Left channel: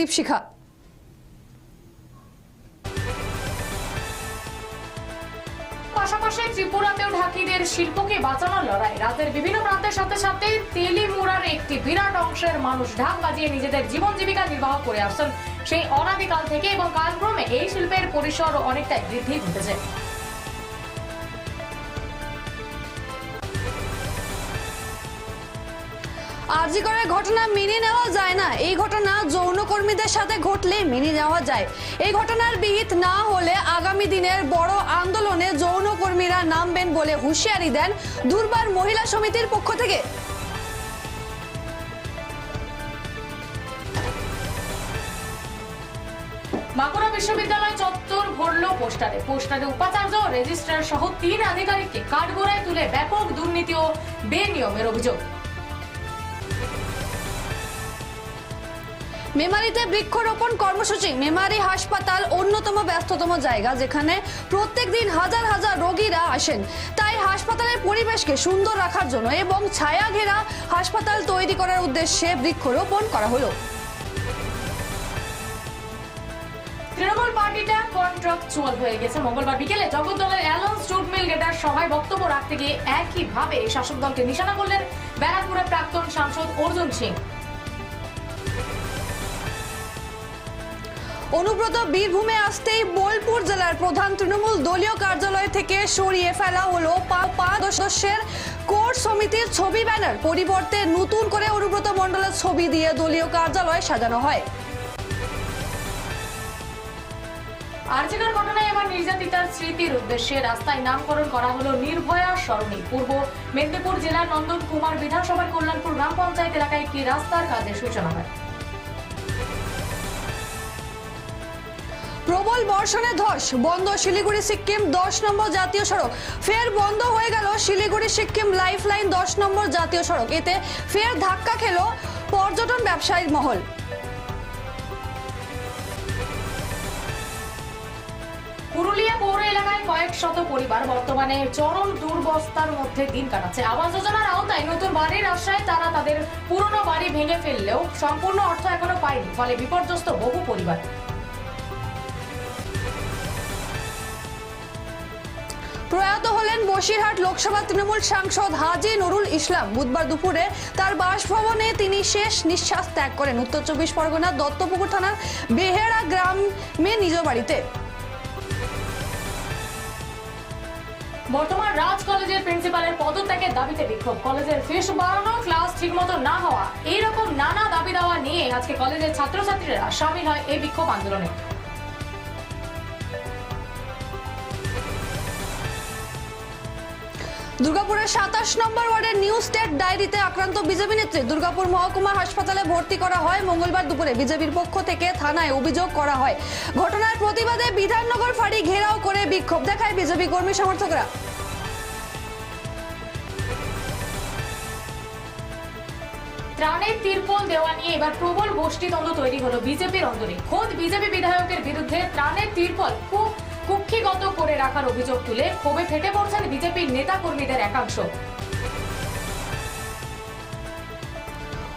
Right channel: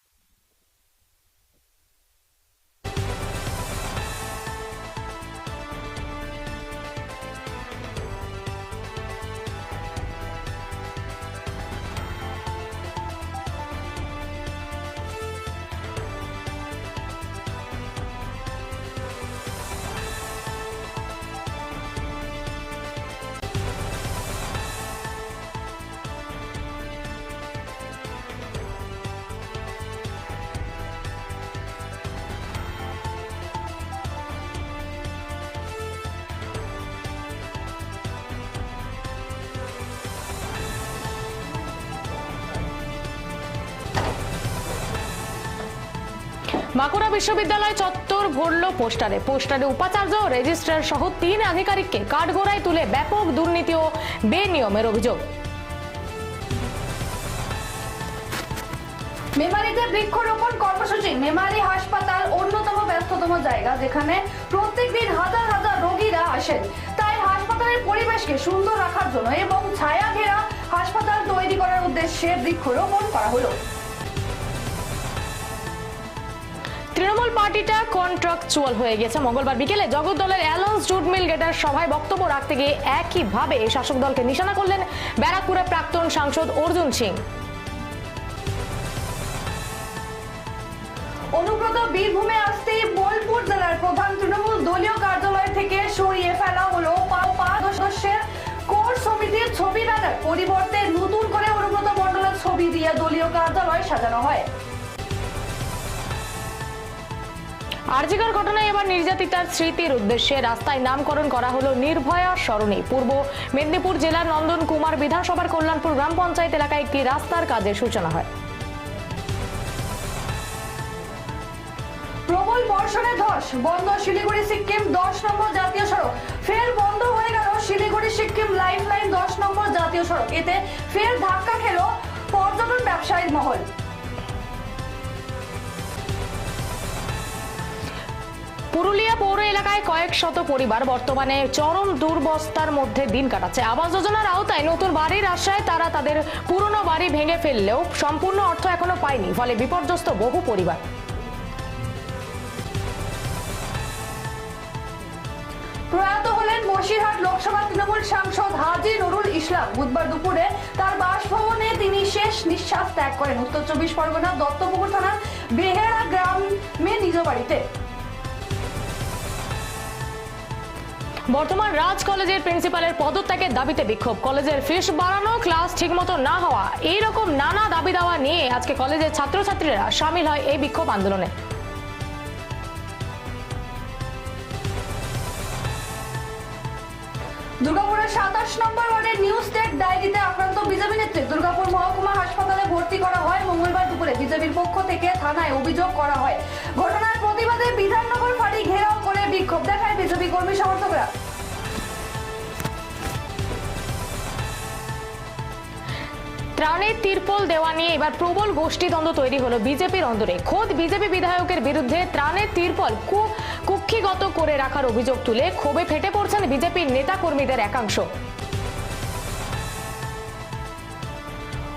দীপশিখা শিল্পকে বাঁচানোর লড়াই। রাতের বিভিন্ন প্রান্তের সাথে সাথে একটি অংশের মানুষ ঢাক নিজেদের জীবন জীবিকা নির্বাহ করে সেই অনাদিকাল থেকে এবং এই শিল্পের পরিসর অনেকটাই বৃদ্ধি ঘটেছে। আরজিকরের ঘটনা মেনে নেওয়া যায় না। এই ঘটনা যৌনকর্মীদের সাথে ঘটলে মেনে নেওয়া যায়। এই ঘটনার বিহিত না হলে আগামী দিনের বড় আন্দোলনে যৌনকর্মীরা নামবেন বলে হুঁশিয়ারি দেন দুর্বার মহিলা সমিতির পক্ষ থেকে। বাঁকুড়া বিশ্ববিদ্যালয় চত্বর ভরল পোস্টারে। পোস্টারে উপাচার্য, রেজিস্ট্রার সহ তিন আধিকারিককে কাঠগড়ায় তুলে ব্যাপক দুর্নীতি ও বেনিয়মের অভিযোগ। মেমারিতে বৃক্ষরোপণ কর্মসূচি। মেমারি হাসপাতাল অন্যতম ব্যস্ততম জায়গা, যেখানে প্রত্যেকদিন হাজার হাজার রোগীরা আসেন। তাই হাসপাতালের পরিবেশকে সুন্দর রাখার জন্য এবং ছায়া ঘেরা হাসপাতাল তৈরি করার উদ্দেশ্যে বৃক্ষরোপণ করা হলো। তৃণমূল পার্টিটা কন্ট্রাক্ট কন্ট্রাকচুয়াল হয়ে গেছে। মঙ্গলবার বিকেলে জগদ্দলের অ্যালান্স জুট মিল গেটার সভায় বক্তব্য রাখতে গিয়ে একইভাবে শাসক দলকে নিশানা করলেন ব্যারাকপুরের প্রাক্তন সাংসদ অর্জুন সিং। অনুব্রত বীরভূমে আসতেই বোলপুর জেলার প্রধান তৃণমূল দলীয় কার্যালয় থেকে সরিয়ে ফেলা হলো পা- পাঁচ সদস্যের কোর সমিতির ছবি ব্যানার। পরিবর্তে নতুন করে অনুব্রত মণ্ডলের ছবি দিয়ে দলীয় কার্যালয় সাজানো হয়। আর্জিকার ঘটনায় এবার নির্যাতিতার স্মৃতির উদ্দেশ্যে রাস্তায় নামকরণ করা হলো নির্ভয়া সরণি। পূর্ব মেদিনীপুর জেলার নন্দন কুমার বিধানসভার কল্যাণপুর গ্রাম পঞ্চায়েত এলাকায় একটি রাস্তার কাজের সূচনা হয়। বর্ষণে ধস। বন্ধ শিলিগুড়ি সিক্কিম দশ নম্বর জাতীয় সড়ক। ফের বন্ধ হয়ে গেল শিলিগুড়ি সিক্কিম লাইফ লাইন দশ নম্বর জাতীয় সড়ক। এতে ফের ধাক্কা খেলো পর্যটন ব্যবসায়ী মহল। পুরুলিয়া পৌর এলাকায় কয়েক শত পরিবার বর্তমানে চরম দুর্বস্থার মধ্যে দিন কাটাচ্ছে। আবাস যোজনার আওতায় নতুন বাড়ির আশ্রয়ে তারা তাদের পুরনো বাড়ি ভেঙে ফেললেও সম্পূর্ণ অর্থ এখনও পায়নি, ফলে বিপর্যস্ত বহু পরিবার। প্রয়াত হলেন বসিরহাট লোকসভা তৃণমূল সাংসদ হাজি নুরুল ইসলাম। বুধবার দুপুরে তার বাসভবনে তিনি শেষ নিঃশ্বাস ত্যাগ করেন। উত্তর চব্বিশ পরগনার দত্তপুকুর থানার বেহেরা গ্রামে নিজ বাড়িতে। বর্তমান রাজ কলেজের প্রিন্সিপালের পদত্যাগের দাবিতে বিক্ষোভ। কলেজের ফিস বাড়ানো, ক্লাস ঠিকমতো না হওয়া, এইরকম নানা দাবি দাওয়া নিয়ে আজকে কলেজের ছাত্রছাত্রীরা সামিল হয় এই বিক্ষোভ আন্দোলনে। দুর্গাপুরের সাতাশ নম্বর ওয়ার্ডের নিউ স্টেট ডায়েরিতে আক্রান্ত বিজেপি নেত্রী দুর্গাপুর মহকুমা হাসপাতালে ভর্তি করা হয় মঙ্গলবার দুপুরে। বিজেপির পক্ষ থেকে থানায় অভিযোগ করা হয়। ঘটনার প্রতিবাদে বিধাননগর ফাঁড়ি ঘেরাও করে বিক্ষোভ দেখায় বিজেপি কর্মী সমর্থকরা। ত্রাণের তিরপল দেওয়া নিয়ে এবার প্রবল গোষ্ঠীদ্বন্দ্ব তৈরি হলো বিজেপির অন্দরে। খোদ বিজেপি বিধায়কের বিরুদ্ধে ত্রাণের তিরপল কু- কুক্ষিগত করে রাখার অভিযোগ তুলে ক্ষোভে ফেটে পড়ছেন বিজেপির নেতাকর্মীদের একাংশ।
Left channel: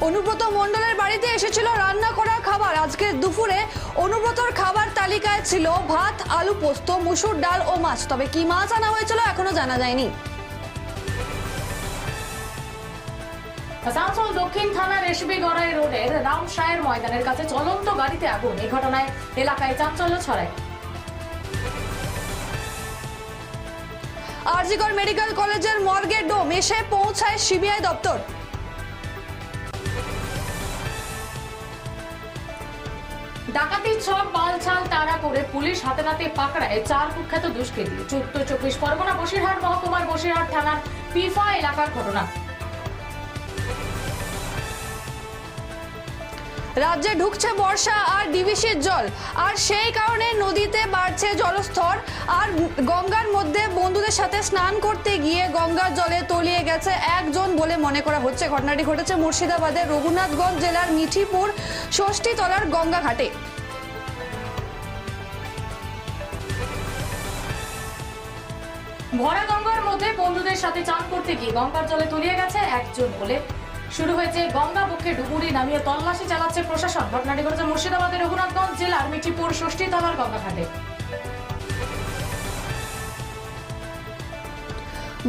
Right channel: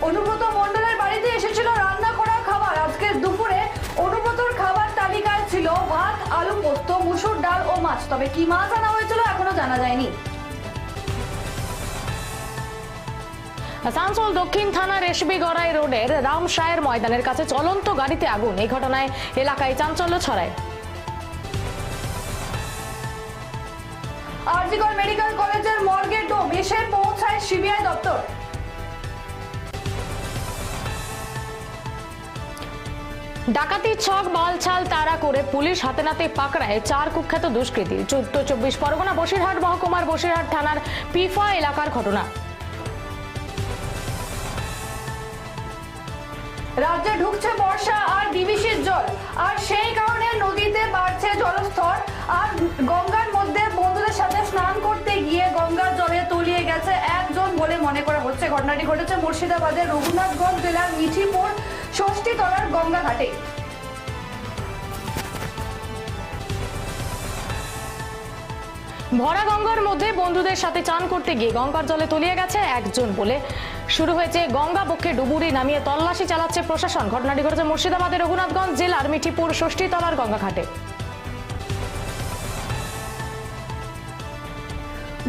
অনুব্রত মণ্ডলের বাড়িতে এসেছিল রান্না করা খাবার। আজকে দুপুরে অনুব্রতর খাবার তালিকায় ছিল ভাত আলু পোস্ত মুসুর ডাল ও মাছ। তবে কি মাছ আনা হয়েছিল এখনও জানা যায়নি। আসানসোল দক্ষিণ থানার এসবি গড়াই রোডের রামশায়ের ময়দানের কাছে চলন্ত গাড়িতে আগুন। এই ঘটনায় এলাকায় চাঞ্চল্য ছড়ায়। আরজিগড় মেডিকেল কলেজের মর্গের ডোম এসে পৌঁছায় সিবিআই দপ্তর। ডাকাতির ছক বালছাল তাড়া করে পুলিশ হাতে নাতে পাকড়ায় চার কুখ্যাত দুষ্কৃতী। উত্তর চব্বিশ পরগনা বসিরহাট মহকুমার বসিরহাট থানার পিফা এলাকার ঘটনা। রাজ্যে ঢুকছে বর্ষা আর ডিভিসির জল আর সেই কারণে নদীতে বাড়ছে জলস্তর আর বন্ধুদের সাথে স্নান করতে গিয়ে গঙ্গার জলে তলিয়ে গেছে একজন বলে মনে করা হচ্ছে ঘটনাটি ঘটেছে মুর্শিদাবাদের রঘুনাথগঞ্জ জেলার মিঠিপুর ষষ্ঠীতলার গঙ্গা ঘাটে ভরা গঙ্গার মধ্যে বন্ধুদের সাথে চান করতে গিয়ে গঙ্গার জলে তলিয়ে গেছে একজন বলে। শুরু হয়েছে গঙ্গা পক্ষে ডুবুরি নামিয়ে তল্লাশি চালাচ্ছে প্রশাসন। ঘটনাটি ঘটেছে মুর্শিদাবাদের রঘুনাথগঞ্জ জেলার মিঠিপুর ষষ্ঠী তলার গঙ্গাঘাটে।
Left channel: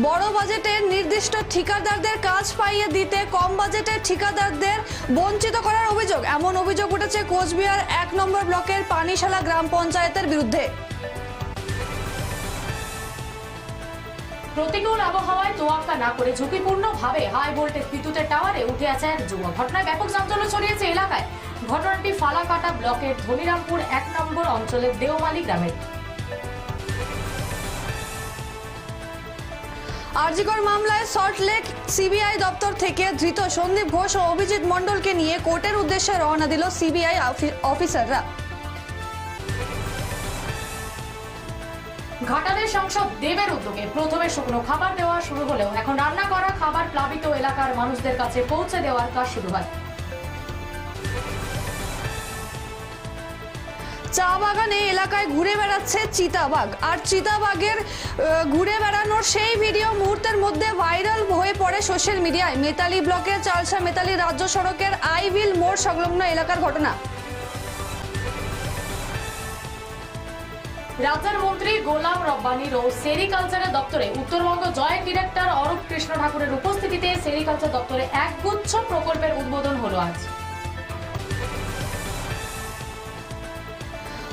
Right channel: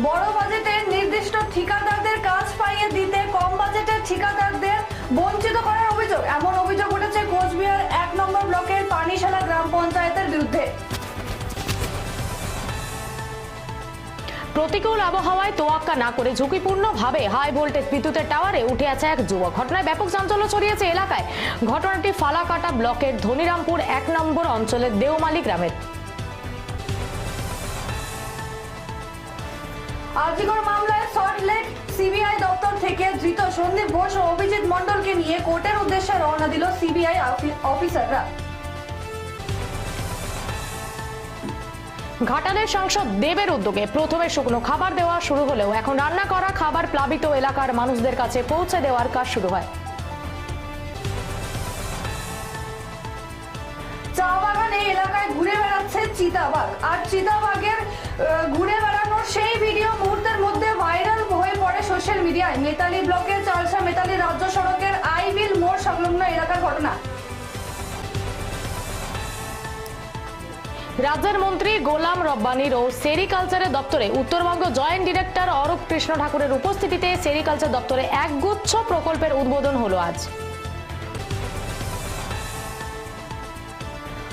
বড় বাজেটের নির্দিষ্ট ঠিকাদারদের কাজ পাইয়ে দিতে কম বাজেটের ঠিকাদারদের বঞ্চিত করার অভিযোগ। এমন অভিযোগ উঠেছে কোচবিহার এক নম্বর ব্লকের পানিশালা গ্রাম পঞ্চায়েতের বিরুদ্ধে। প্রতিকূল আবহাওয়ায় তোয়াক্কা না করে ঝুঁকিপূর্ণ ভাবে হাই ভোল্টেজ বিদ্যুতের টাওয়ারে উঠে আছে এক যুবক। ঘটনায় ব্যাপক চাঞ্চল্য ছড়িয়েছে এলাকায়। ঘটনাটি ফালাকাটা ব্লকের ধনিরামপুর এক নম্বর অঞ্চলের দেওমালি গ্রামের। আরজিকর মামলায় সল্টলেক সিবিআই দপ্তর থেকে ধৃত সন্দীপ ঘোষ ও অভিজিৎ মণ্ডলকে নিয়ে কোর্টের উদ্দেশ্যে রওনা দিল সিবিআই অফিসাররা। ঘাটালের সাংসদ দেবের উদ্যোগে প্রথমে শুকনো খাবার দেওয়া শুরু হলেও এখন রান্না করা খাবার প্লাবিত এলাকার মানুষদের কাছে পৌঁছে দেওয়ার কাজ শুরু হয়। চা বাগানে এলাকায় ঘুরে বেড়াচ্ছে চিতাবাঘ। আর চিতাবাঘের ঘুরে বেড়ানোর সেই ভিডিও মুহূর্তের মধ্যে ভাইরাল হয়ে পড়ে সোশ্যাল মিডিয়ায় মেতালি ব্লকের চালসা মেতালি রাজ্য সড়কের আইভিল মোড় সংলগ্ন এলাকার ঘটনা। রাজ্যের মন্ত্রী গোলাম রব্বানির ও সেরিকালচারের দপ্তরে উত্তরবঙ্গ জয়েন্ট ডিরেক্টর অরূপ কৃষ্ণ ঠাকুরের উপস্থিতিতে সেরিকালচার দপ্তরে একগুচ্ছ প্রকল্পের উদ্বোধন হলো আজ।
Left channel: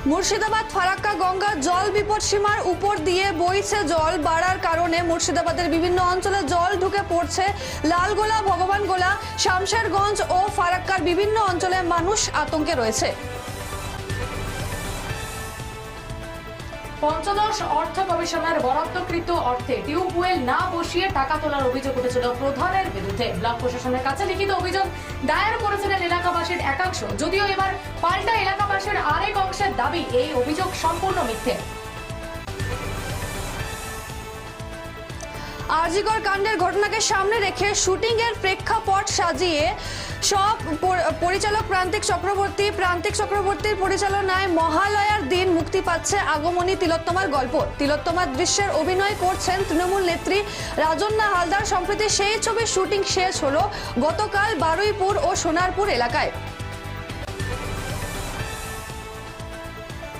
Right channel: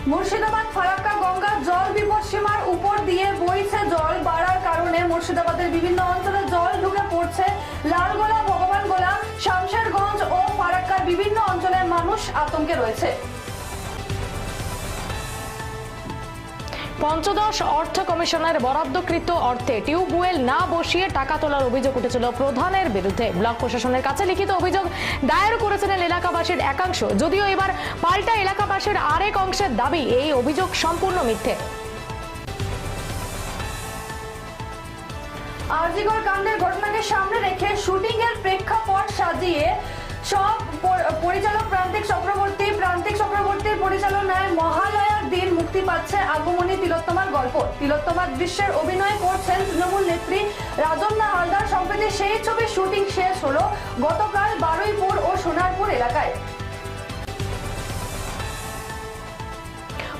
মুর্শিদাবাদ, ফারাক্কা, গঙ্গা জল বিপদ সীমার উপর দিয়ে বইছে জল বাড়ার কারণে মুর্শিদাবাদের বিভিন্ন অঞ্চলে জল ঢুকে পড়ছে। লালগোলা, ভগবানগোলা, শামশেরগঞ্জ ও ফারাক্কার বিভিন্ন অঞ্চলের মানুষ আতঙ্কে রয়েছে। পঞ্চদশ অর্থ কমিশনের বরাদ্দকৃত অর্থে টিউবওয়েল না বসিয়ে টাকা তোলার অভিযোগ উঠেছিল প্রধানের বিরুদ্ধে। ব্লক প্রশাসনের কাছে লিখিত অভিযোগ দায়ের করেছিলেন এলাকাবাসীর একাংশ। যদিও এবার পাল্টা এলাকাবাসীর আরেক অংশের দাবি, এই অভিযোগ সম্পূর্ণ মিথ্যে। আরজিগর কাণ্ডের ঘটনাকে সামনে রেখে শুটিং এর প্রেক্ষাপট সাজিয়ে সব পরিচালক প্রান্তিক চক্রবর্তী, প্রান্তিক চক্রবর্তীর পরিচালনায় মহালয়ার দিন মুক্তি পাচ্ছে আগমনী তিলোত্তমার গল্প। তিলোত্তমার দৃশ্যের অভিনয় করছেন তৃণমূল নেত্রী রাজন্না হালদার। সম্প্রতি সেই ছবির শুটিং শেষ হলো গতকাল বারুইপুর ও সোনারপুর এলাকায়।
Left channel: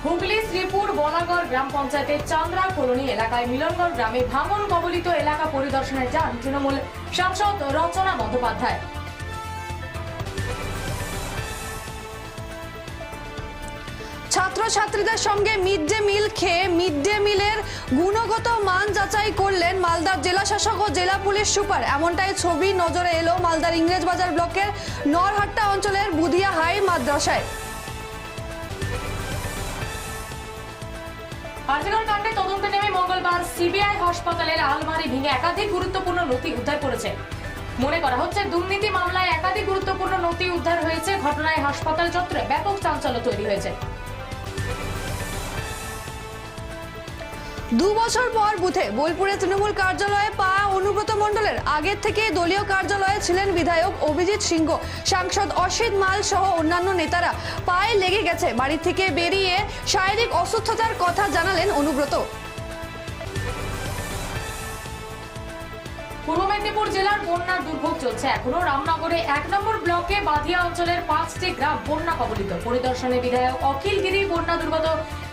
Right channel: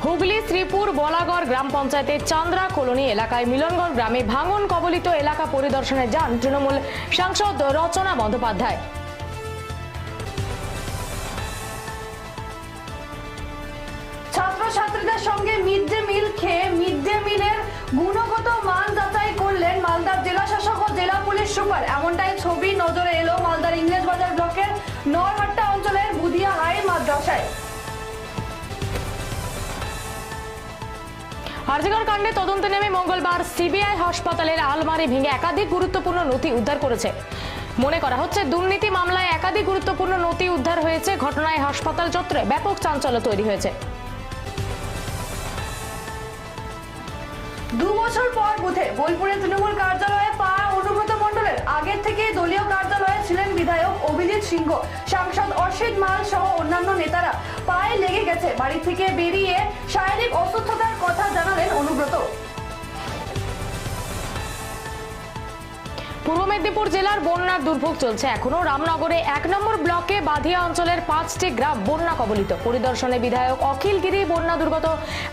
হুগলি, শ্রীপুর, বলাগড় গ্রাম পঞ্চায়েতের চন্দ্রা কলোনি এলাকায় মিলনগড় গ্রামে ভাঙন কবলিত এলাকা পরিদর্শনে যান তৃণমূল সাংসদ রচনা বন্দ্যোপাধ্যায়। ছাত্রছাত্রীদের সঙ্গে মিড ডে মিল খেয়ে মিড ডে মিলের গুণগত মান যাচাই করলেন মালদার জেলা শাসক ও জেলা পুলিশ সুপার। এমনটাই ছবি নজরে এলো মালদার ইংরেজবাজার ব্লকের নরহাট্টা অঞ্চলের বুধিয়া হাই মাদ্রাসায়। আর্জিকর কাণ্ডে তদন্তে নেমে মঙ্গলবার সিবিআই হাসপাতালের আলমারি ভেঙে একাধিক গুরুত্বপূর্ণ নথি উদ্ধার করেছে। মনে করা হচ্ছে, দুর্নীতি মামলায় একাধিক গুরুত্বপূর্ণ নথি উদ্ধার হয়েছে। ঘটনায় হাসপাতাল চত্বরে ব্যাপক চাঞ্চল্য তৈরি হয়েছে। দু বছর পর বুথে বোলপুরে তৃণমূল কার্যালয়ে পা অনুব্রত মণ্ডলের। আগের থেকে দলীয় কার্যালয়ে ছিলেন বিধায়ক অভিজিৎ সিংহ। সাংসদ অসিত মাল সহ অন্যান্য নেতারা পায়ে লেগে গেছে। বাড়ি থেকে বেরিয়ে শারীরিক অসুস্থতার কথা জানালেন অনুব্রত। পূর্ব মেদিনীপুর জেলার বন্যার দুর্ভোগ চলছে এখনও। রামনগরে এক নম্বর ব্লকে বাধিয়া অঞ্চলের পাঁচটি গ্রাম বন্যা কবলিত। পরিদর্শনে বিধায়ক অখিল গিরি বন্যা দুর্গত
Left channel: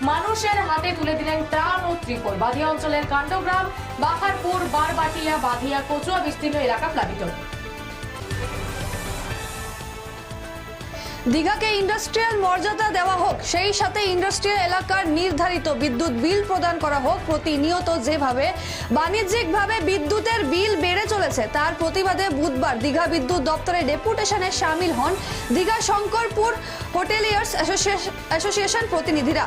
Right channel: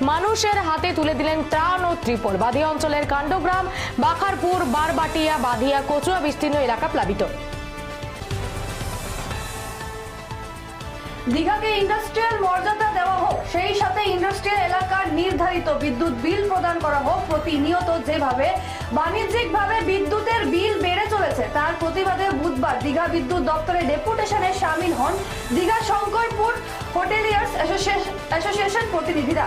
মানুষের হাতে তুলে দিলেন ত্রাণ ও ত্রিপল। বাধিয়া অঞ্চলের কাণ্ডগ্রাম, বাখারপুর, বারবাটিয়া, বাধিয়া, কচুয়া বিস্তীর্ণ এলাকা প্লাবিত। দীঘাকে ইন্ডাস্ট্রিয়াল মর্যাদা দেওয়া হোক, সেই সাথে ইন্ডাস্ট্রিয়াল এলাকার নির্ধারিত বিদ্যুৎ বিল প্রদান করা হোক প্রতিনিয়ত যেভাবে। বাণিজ্যিকভাবে বিদ্যুতের বিল বেড়ে চলেছে, তার প্রতিবাদে বুধবার দীঘা বিদ্যুৎ দপ্তরে ডেপুটেশনে সামিল হন দীঘা শঙ্করপুর হোটেলিয়ার্স অ্যাসোসিয়েশন- প্রতিনিধিরা।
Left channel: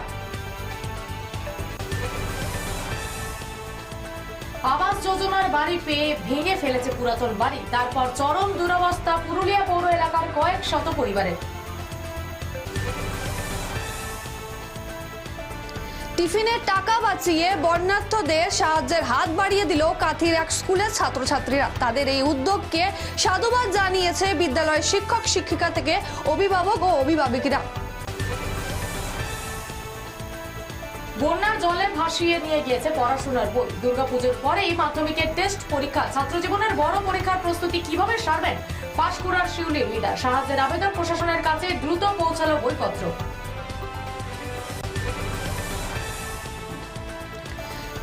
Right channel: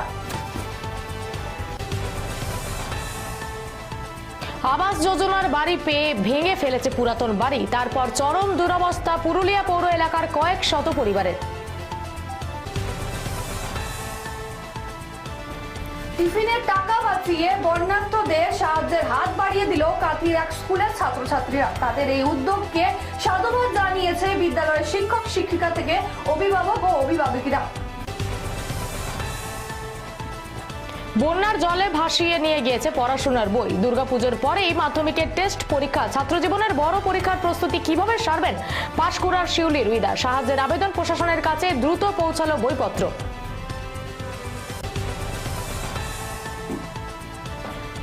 আবাস যোজনার বাড়ি পেয়ে ভেঙে ফেলেছে পুরাতন বাড়ি, তারপর চরম দুরবস্থা পুরুলিয়া পৌর এলাকার কয়েক শত পরিবারের। টিফিনের টাকা বাঁচিয়ে বর্ণার্থদের সাহায্যের হাত বাড়িয়ে দিল কাথির এক স্কুলের ছাত্রছাত্রীরা। তাদের এই উদ্যোগকে সাধুবাদ জানিয়েছে বিদ্যালয়ের শিক্ষক, শিক্ষিকা থেকে অভিভাবক ও অভিভাবকীরা। বন্যার জলে ভাসিয়ে নিয়ে গিয়েছে পড়াশোনার বই। দুর্গাপুজোর পরেই মাধ্যমিকের টেস্ট পরীক্ষা। ছাত্র জীবনের বড় পরীক্ষার প্রস্তুতি কীভাবে সারবেন? পাশ করার শিউলি রুইদা সাহায্যের আবেদন প্রশাসনের কাছে দ্রুত পৌঁছালো বইপত্র।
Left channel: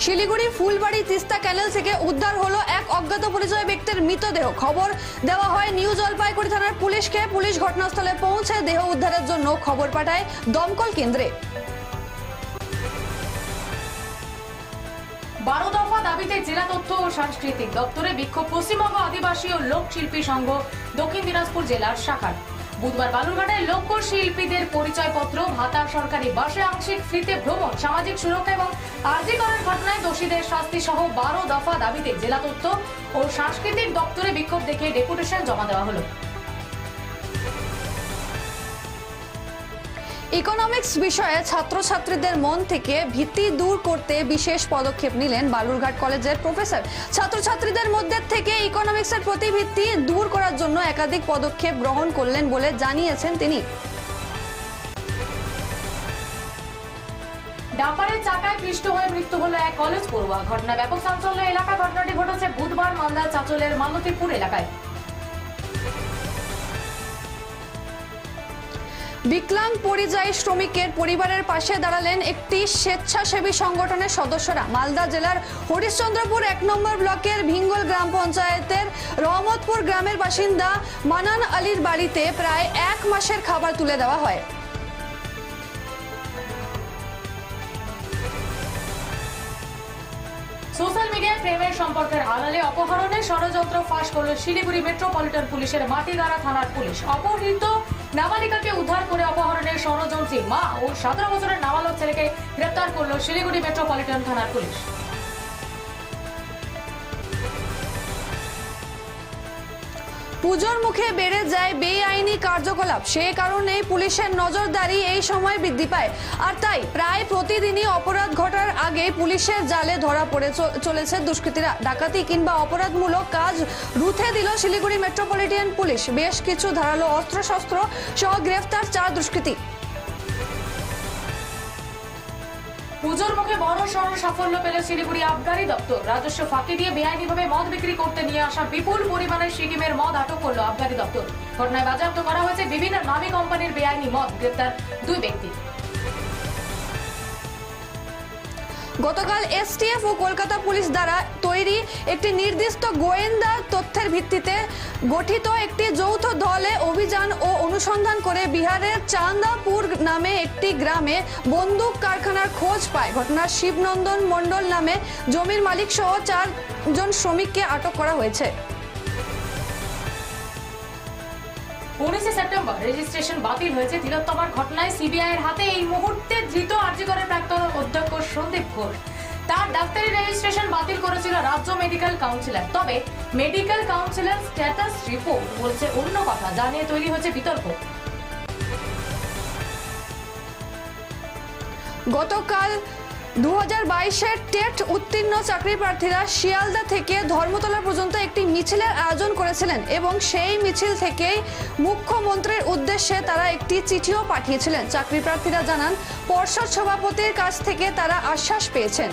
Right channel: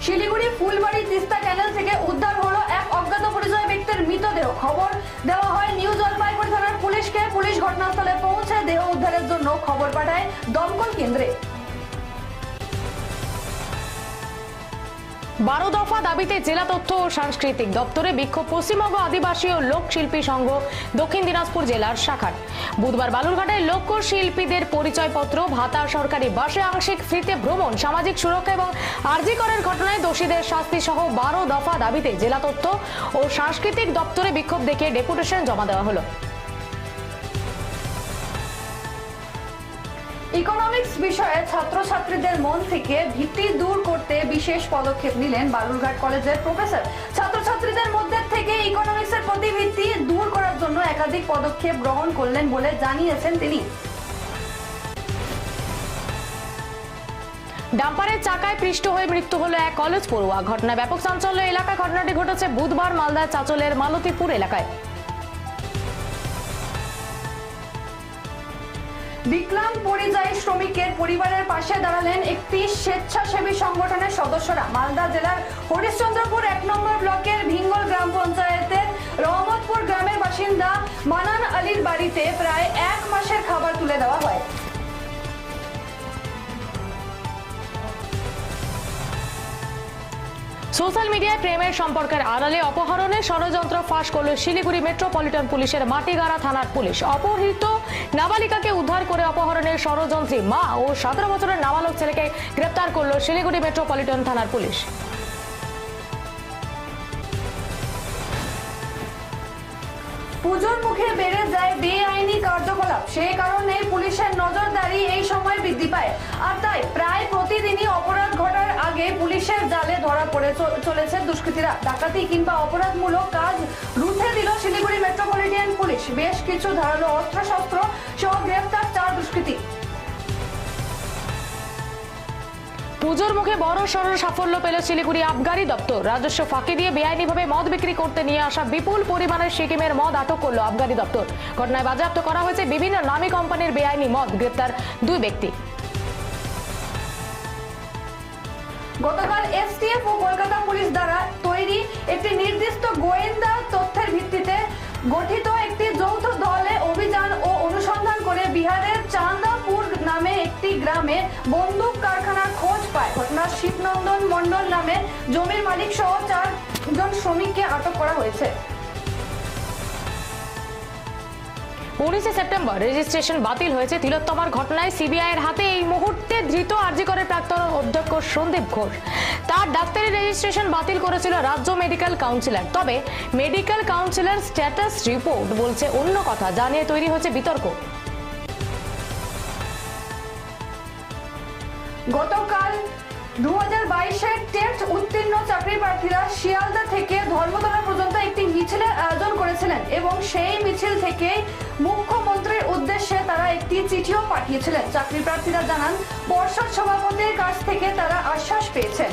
শিলিগুড়ি ফুলবাড়ি তিস্তা ক্যানেল থেকে উদ্ধার হলো এক অজ্ঞাত পরিচয় ব্যক্তির মৃতদেহ। খবর দেওয়া হয় নিউ জলপাইগুড়ি থানার পুলিশকে। পুলিশ ঘটনাস্থলে পৌঁছে দেহ উদ্ধারের জন্য খবর পাঠায় দমকল কেন্দ্রে। বারো দফা দাবিতে জেলা তথ্য ও সাংস্কৃতিক দপ্তরে বিক্ষোভ পশ্চিমবঙ্গ আদিবাসী ও লোকশিল্পী সংঘ দক্ষিণ দিনাজপুর জেলার শাখার। বুধবার বালুরঘাটে লোকশিল্পীদের পরিচয়পত্র, ভাতা, সরকারি বাসে আংশিক ফ্রিতে ভ্রমণ, সামাজিক সুরক্ষা এবং আর্জিকরণ ঘটনায় দোষীদের শাস্তি সহ বারো দফা দাবিতে জেলা তথ্য ও সাংস্কৃতিক দপ্তরে বিক্ষোভ দেখে ডেপুটেশন জমা দেওয়া হলো। ইকোনমিক্স বিষয়ে ছাত্রছাত্রীদের মন থেকে ভীতি দূর করতে বিশেষ পদক্ষেপ নিলেন বালুরঘাট কলেজের প্রফেসর। ছাত্রছাত্রীদের মধ্যে থেকে ইকোনমিক্সের প্রতি ভীতি দূর করার জন্য একাধিক পদক্ষেপ গ্রহণ করলেন বলে জানিয়েছেন তিনি। ডাম্পারের চাকায় পৃষ্ঠ হয়ে মৃত্যু হলো এক কলেজ পড়ুয়া। ঘটনা ব্যাপক চাঞ্চল্য এলাকা ঘটনাটি ঘটেছে বুধবার মালদার চাচলের মালতীপুর এলাকায়। বিকলাং পরিযায়ী শ্রমিকের পরিবারের পাশে দাঁড়ালেন একটি স্বেচ্ছাসেবী সংগঠনের সদস্যরা। মালদা জেলার হরিশ্চন্দ্রপুর এক নম্বর ব্লকের ভিঙ্গল গ্রাম পঞ্চায়েতের রহমতপুর গ্রামের বাসিন্দা মানান আলীর বাড়িতে প্রায় এক মাসের খাবার তুলে দেওয়া হয়। সোশ্যাল মিডিয়ায় প্রেমের সম্পর্কের আড়ালে অপহরণের ষড়যন্ত্র ফাঁস করল শিলিগুড়ি মেট্রোপলিটন পুলিশের মাটিগাড়া থানার পুলিশ। অপহৃত নাবালিকাকে উদ্ধার করে অপহরণের ষড়যন্ত্রী মা ও সতেরো বছরের নাবালক ছেলেকে গ্রেপ্তার করল শিলিগুড়ি মেট্রোপলিটন থানার পুলিশ। পুজোর মুখে বেড়ে যায় বেআইনি কার্যকলাপ। সেই কারণে পুলিশের নজরদারি এই সময় বৃদ্ধি পায়। আর তাই প্রায় আগে পুলিশের জালে ধরা পড়ে চলেছে দুষ্কৃতীরা। ডাকাতি কিংবা অপরাধমূলক কাজ রুখে দিল শিলিগুড়ি মেট্রোপলিটন পুলিশ। বেশ কিছু ধারালো অস্ত্রশস্ত্র সহ গ্রেফতার চার দুষ্কৃতী। পুজোর মুখে বড় সড় সাফল্য পেল শিলিগুড়ি আবগারি দপ্তর। রাজস্ব ফাঁকি দিয়ে বেআইনিভাবে মদ বিক্রি করতে নিয়ে আসা বিপুল পরিমাণের সিকিমের মদ আটক করল আবগারি দপ্তর। ঘটনায় বাজেয়াপ্ত করা হয়েছে বিভিন্ন নামী কোম্পানির বেআইনি মদ গ্রেপ্তার দুই ব্যক্তি। গতকাল এসটিএফ ও কলকাতা পুলিশ দ্বারা তৈরি একটি নির্দিষ্ট গোয়েন্দা তথ্যের ভিত্তিতে গঠিত একটি যৌথ দলে অভিযান ও অনুসন্ধান করে বিহারের চান্দাপুর নামে একটি গ্রামে বন্দুক কারখানার খোঁজ পায়। ঘটনা শিবনন্দন মণ্ডল নামে জমির মালিক সহ চারজন শ্রমিককে আটক করা হয়েছে। উনিশে সেপ্টেম্বর রেজিস্ট্রেশন বাতিল হয়েছে। তিলোত্তমার ঘটনায় সিবিআই এর হাতে এই মুহূর্তে ধৃত আরজিকরের প্রাক্তন অধ্যক্ষ সন্দীপ ঘোষ। তার ডাক্তারি রেজিস্ট্রেশন বাতিল করেছিল রাজ্য মেডিকেল কাউন্সিলর তবে মেডিকেল কাউন্সিলর স্ট্যাটাস রিপোর্ট বলছে অন্য কথা, যা নিয়ে তৈরি হয়েছে বিতর্ক। গতকাল দু বাইশের টেট উত্তীর্ণ চাকরি শিয়ালদা থেকে ধর্মতলা পর্যন্ত একটি মিছিলের আয়োজন করেছিলেন এবং সেই মিছিল থেকে মুখ্যমন্ত্রীর উদ্দেশ্যে তারা একটি চিঠিও পাঠিয়েছিলেন। চাকরি প্রার্থীরা জানান, পর্ষদ সভাপতির কাছ থেকে তারা আশ্বাস পেয়েছেন।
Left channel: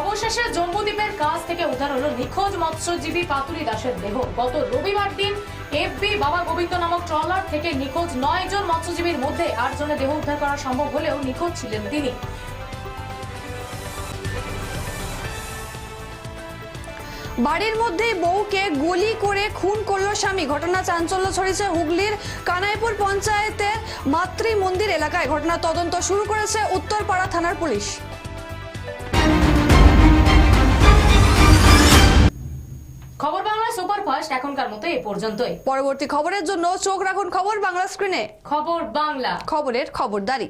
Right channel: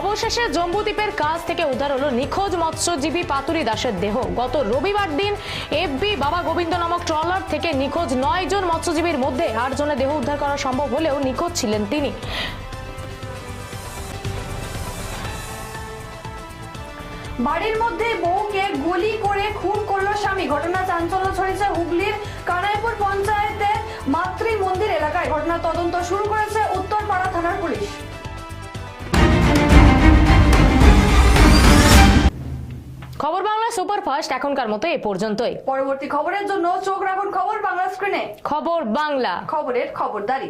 অবশেষে জম্বুদ্বীপের কাছ থেকে উদ্ধার হলো নিখোঁজ মৎস্যজীবী পাতুরি দাসের দেহ। গত রবিবার দিন এফবি বাবা গোবিন্দ নামক ট্রলার থেকে নিখোঁজ নয় জন মৎস্যজীবীর মধ্যে আট জনের দেহ উদ্ধার করা সম্ভব হলেও নিখোঁজ ছিলেন তিনি। বাড়ির মধ্যে বউকে গুলি করে খুন করল স্বামী। ঘটনা চাঞ্চল্য ছড়িয়েছে হুগলির কানাইপুর পঞ্চায়েতের মাতৃ মন্দির এলাকায়। ঘটনা তদন্ত শুরু করেছে উত্তরপাড়া থানার পুলিশ। খবর বাংলা সুপার ফাস্ট এখনকার মতো এ পর্যন্তই। পরবর্তী খবরের জন্য চোখ রাখুন খবর বাংলা স্ক্রিনে। খবর বাংলা। খবরের খবরদারি।